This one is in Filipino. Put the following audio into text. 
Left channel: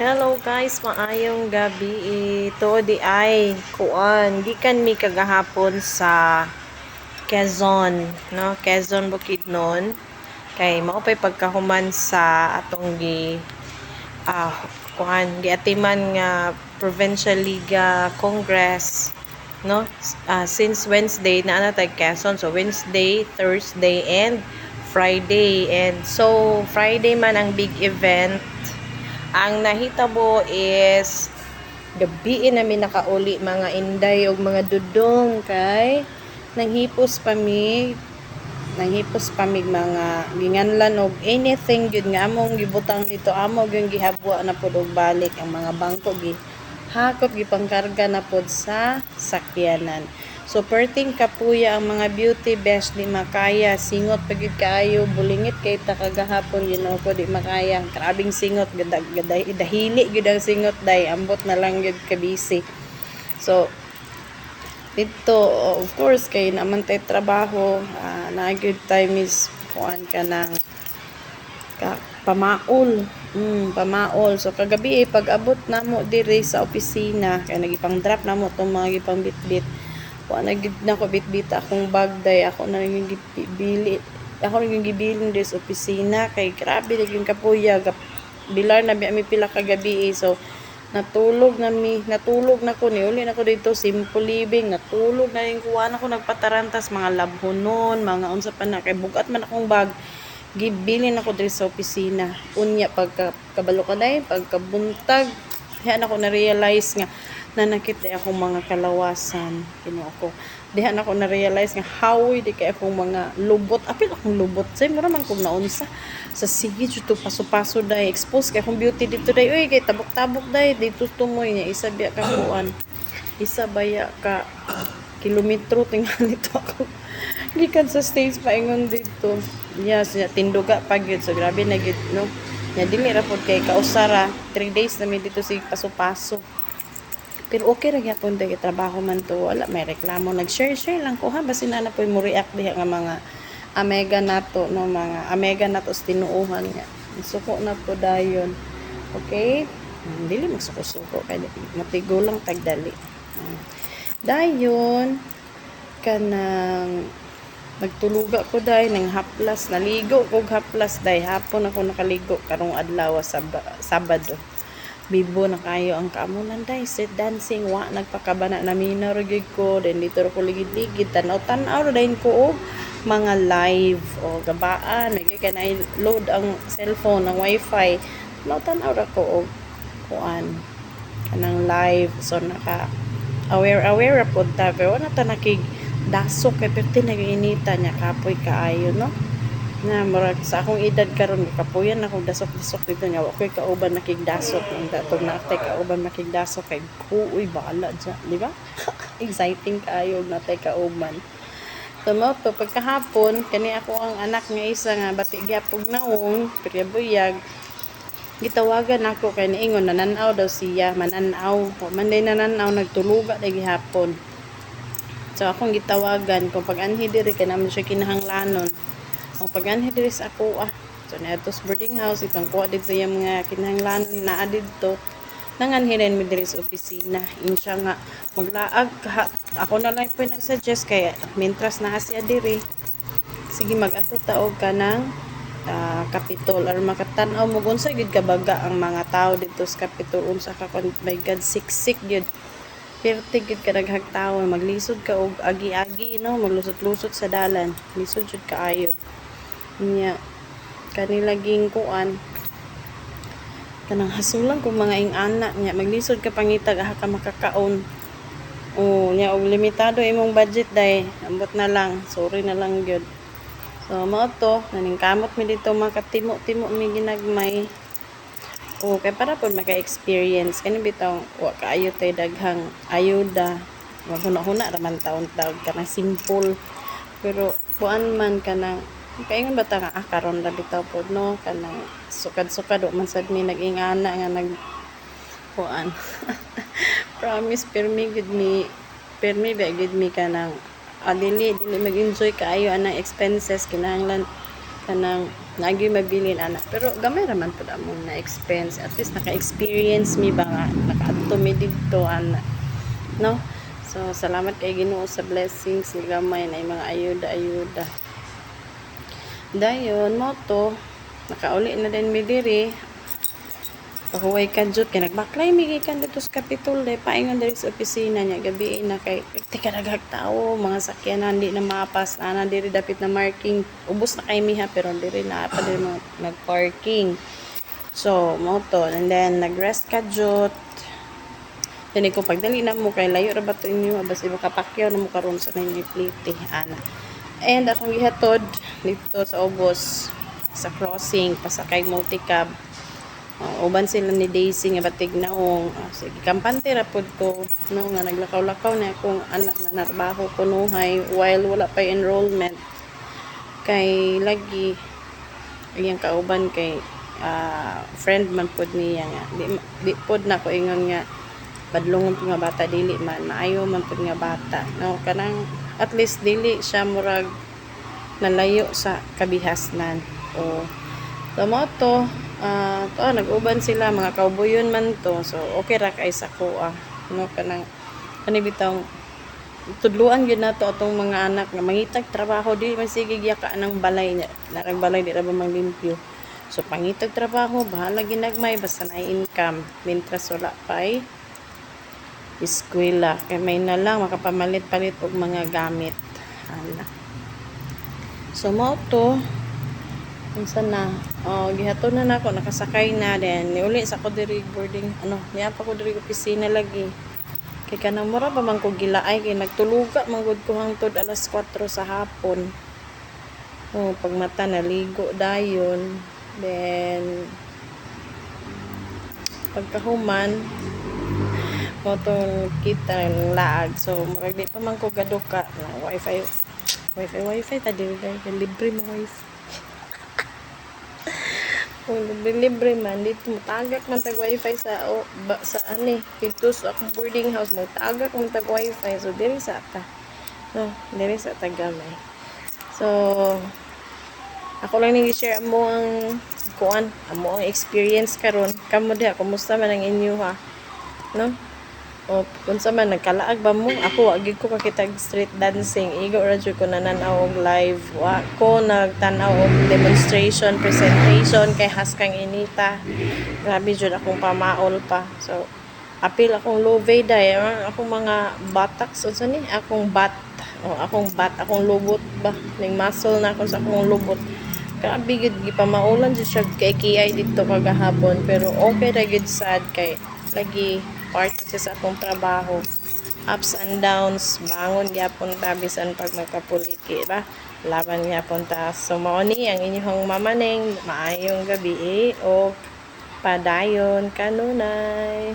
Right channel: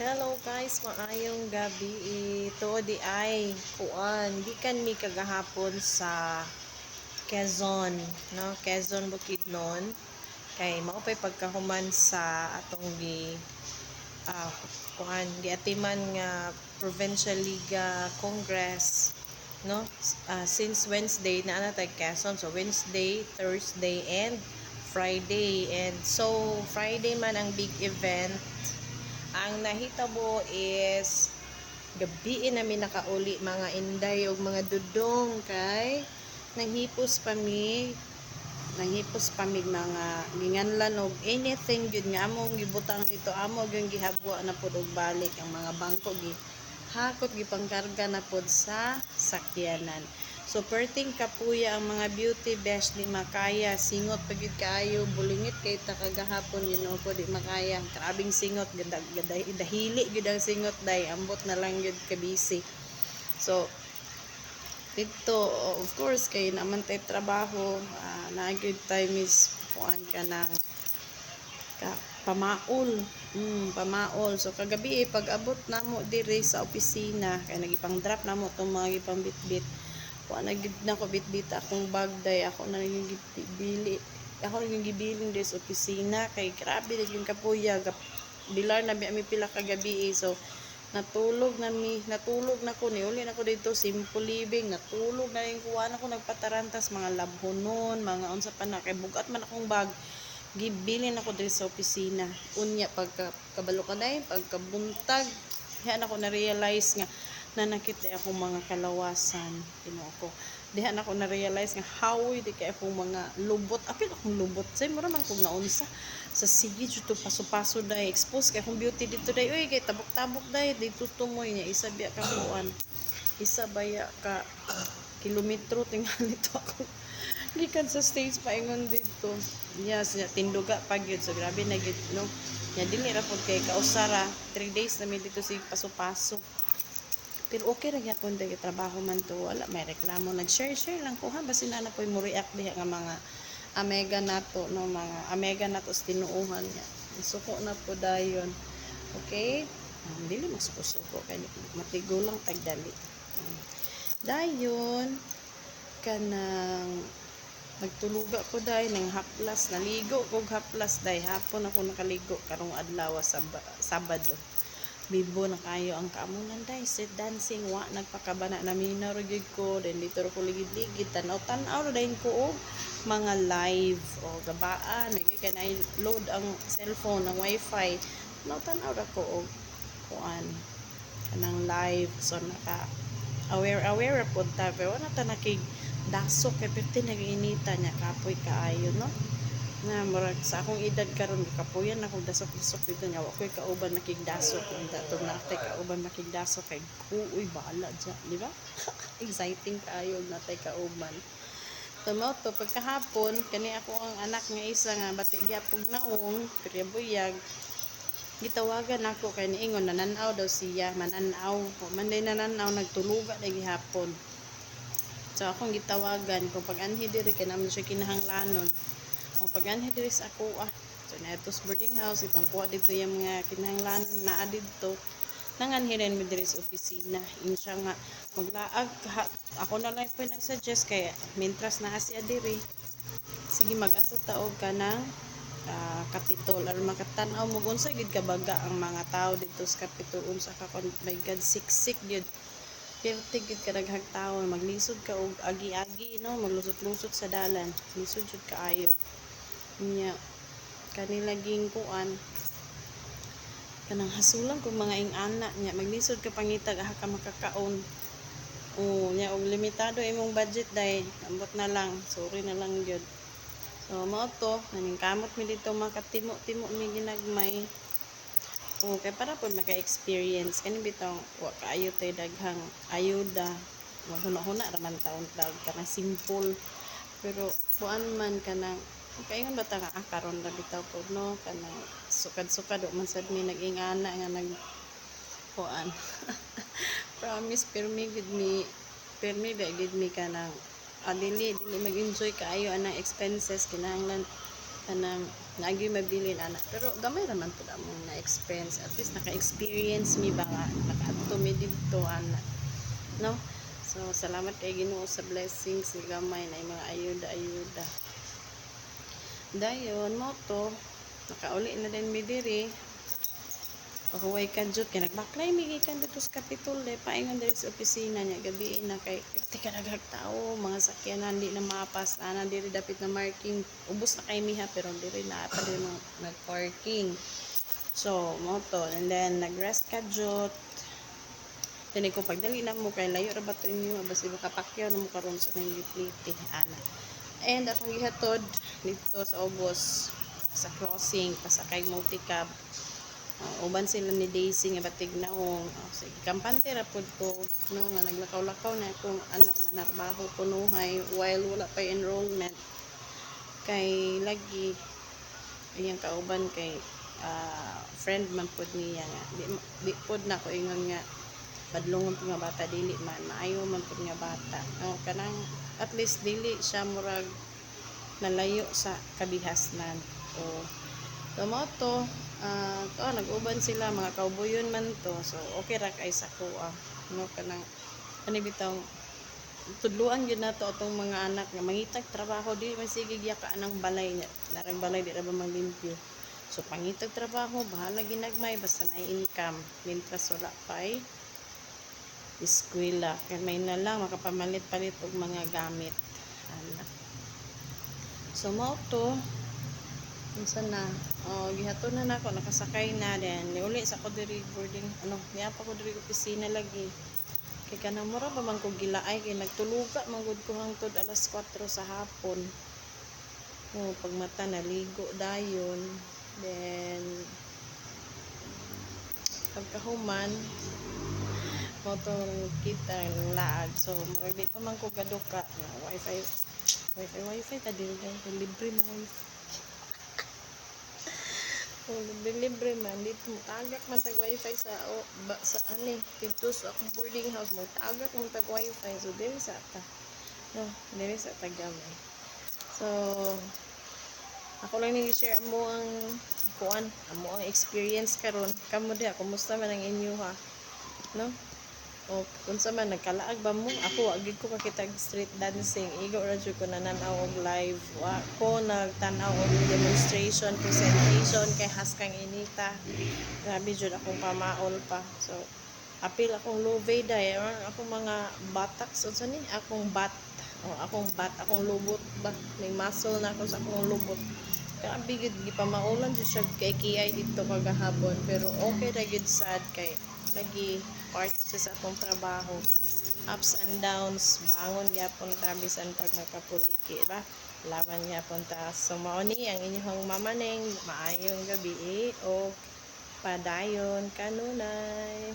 Hello guys, maayong gabi. Ito di ay kuan gikan mi kagahapon sa Quezon, no? Quezon Bukidnon. Kay mao pay pagkahuman sa atong ah giatiman nga Provincial Liga Congress, no? Since Wednesday na tay Quezon. So Wednesday, Thursday and Friday. And so Friday man ang big event. Ang nahitabo is gabi namin nakauli mga inday o mga dudong kay nanghipos pa mig mga ginganlan og anything gyud nga among gibutang dito amo gyud gihabwa na pud og balik ang mga bangko hakot gipangkarga na pud sa sakyanan. So perting kapuya ang mga beauty best di makaya singot pagid kaayo bulingit kay ta kagahapon Ginoo ko di makaya grabing singot dahili gyud ang singot day ambot na lang gyud ka busy. So dito of course kay naman tay trabaho na good time is kuan ka ng pamaol. Pamaol. So kagabi pag-abot namo diri sa opisina kay nagipang drop namo tong mga gipang bitbit. Wa na gid nako bitbit akong bag day ako na ning gibili. Ako ning gibilin diri sa opisina kay grabe naging kapuya bilar na mi pila kagabi so natulog na ko ni uli na ko dito simple living natulog na yung kuha na ko nagpatarantas mga labhonon mga unsa pa na kay bugat man akong bag gibilin ako diri sa opisina unya pagkabalo ka day pagkabuntag diha na ko na realize nga nanakit day akong mga kalawasan Ginoo ko diha na ko na realize nga hawoy di kay akong mga lubot apil akong lubot say mura man kung naunsa sa sige to paso-paso day expose kay akong beauty dito day uy kay tabok-tabok day dito tumoy niya isa biya ka kuan isa baya ka kilometro tingnan nito ako gikan sa stage paingon dito yes tinduga pa gyud so grabe na gyud no nya dili ra pud kay kausara 3 days na mi dito si paso-paso pero okay ra gyapon day trabaho man to wala may reklamo nag-share lang ko ha basin na po mo react diha nga mga amega nato no mga amega nato sa tinuuhan nga suko na po dayon okay dili magsuko-suko kay matigulang tagdali dayon kanang nagtuluga ko day nang haplas naligo kog haplas day hapon ako nakaligo karong adlaw sa Sabado bibo na kayo ang kaamunan day set dancing wa nagpakabana na minor gyud ko then dito ko ligid-ligid tanaw-tanaw dayon ko og mga live o gabaan nagay kanay load ang cellphone ang wifi tanaw ra ko og kuan kanang live so naka aware po ta pero wala ta nakig dasok kay perti nagainita niya kapoy kaayo no na murag sa akong edad karon kapuyan ako dasok dito nga wa koy kauban nakigdasok ang datong natay kauban nakigdasok kay uy bahala dya di ba exciting kaayo natay kauban tumoto pagkahapon kani ako ang anak nga isa nga bati gyapog naong priabuyag gitawagan ako kay niingon nananaw daw siya mananaw man day nananaw nagtuluga day gihapon so akong gitawagan kung pag-anhi diri kay naman siya kinahanglanon ang pag-anhi diri sa ako so na sa boarding house ipangkuha dito sa mga kinahanglanon na adito nanganhinan mi diri sa opisina insya nga maglaag ako na lang po nag-suggest kay mientras na siya diri sige mag-ato taog ka ng Kapitol or makatan-aw mo unsa gid kabaga ang mga tao dito sa Kapitol unsa ka my God siksik gyud perti gid ka naghagtawon maglisod ka og agi-agi no maglusot-lusot sa dalan lisod jud kaayo nya kanilaging kuan kanang hasulan kung mga ing-ana nya maglisod ka pangitag aha ka makakaon nya og limitado imong budget day ambot na lang sorry na lang gyud so mao to naningkamot mi dito makatimo-timo mi ginagmay kay para pud maka-experience kani bitaw wa kaayo tay daghang ayuda wag huna-huna ra man taon-taon kanang simple pero kuan man kanang kaingon ba ta nga karon ra bitaw pod no kanang sukad-sukad wa man sad mi nag-ingana nga nag kuan promise permi ba gid mi kanang dili mag-enjoy kaayo anang expenses kinahanglan kanang naagi mabilin anak, pero gamay raman pud among na expense, at least naka-experience mi ba nga nakaadto mi didto anak, no? So salamat kay Ginoo sa blessings nga gamay na mga ayuda dayon mo to nakauli na din mi diri. Pahuway ka jud kay nagbaklay mi gikan dito sa Capitol day paingon diri sa opisina niya gabi na kay tika daghang tao mga sakyanan di na mapas ana diri dapit na marking ubos na kay miha pero diri na pa diri mga nag-parking. So mo to and then nagrest ka jud. Dili ko pagdali na mo kay layo ra ba to inyo basi makapakyaw na mo karon sa nangipliti ana. And akong gihatod dito sa ubos sa crossing pasakay multicab. Uban sila ni Daisy nga batig naong sige kampante ra pud ko no nga naglakaw-lakaw na akong anak na narbaho kunuhay while wala pa enrollment kay lagi iyang kauban kay friend man pud niya nga di pud na ko ingon nga badlongon nga bata dili man maayo man pud nga bata no kanang at least dili siya murag nalayo sa kabihasnan o tomato nag-uban sila mga kauboyon man to so okay ra kay sa kuha no kanang bitaw tudluan gyud nato atong mga anak nga mangitag trabaho di man sige yaka ng balay niya narag balay di ra ba manglimpyo so pangitag trabaho bahala ginagmay basta na income mintras wala pay eskwela kay may na lang makapamalit-palit og mga gamit ana so mo to unsa na gihaton na nako nakasakay na then niuli sa ko diri boarding niya pa ko diri opisina lagi kay kanang mura pa man ko gilaay kay nagtuluga man gud ko hangtod alas 4 sa hapon pagmata naligo dayon then pagkahuman mo tong kita ng laag so murag di pa man ko gaduka na wifi ta diri kay libre mo wifi. Kung libre man dito mo tagak man tag wifi sa sa dito sa akong boarding house mo tagak man tag wifi so diri sa ta no diri sa tagamay so ako lang ning i-share mo ang kuan amo ang experience karon kamo diha kumusta man ang inyo ha no o kunsa man nagkalaag ba mo ako wa gid ko kakitag street dancing igo ra jud ko nananaw og live wa ko nagtan-aw og demonstration presentation kay haskang inita grabe jud akong pamaol pa so apil akong love day akong mga batak so ni akong akong lubot ba ning muscle na ako sa akong lubot grabe gid gipamaulan jud siya kay kiyay dito kagahapon pero okay ra gid sad kay lagi part sa akong trabaho ups and downs bangon gyapon ta bisan pag magkapuliki ba laban gyapon ta so mao ni ang inyong mamaning maayong gabi o padayon kanunay.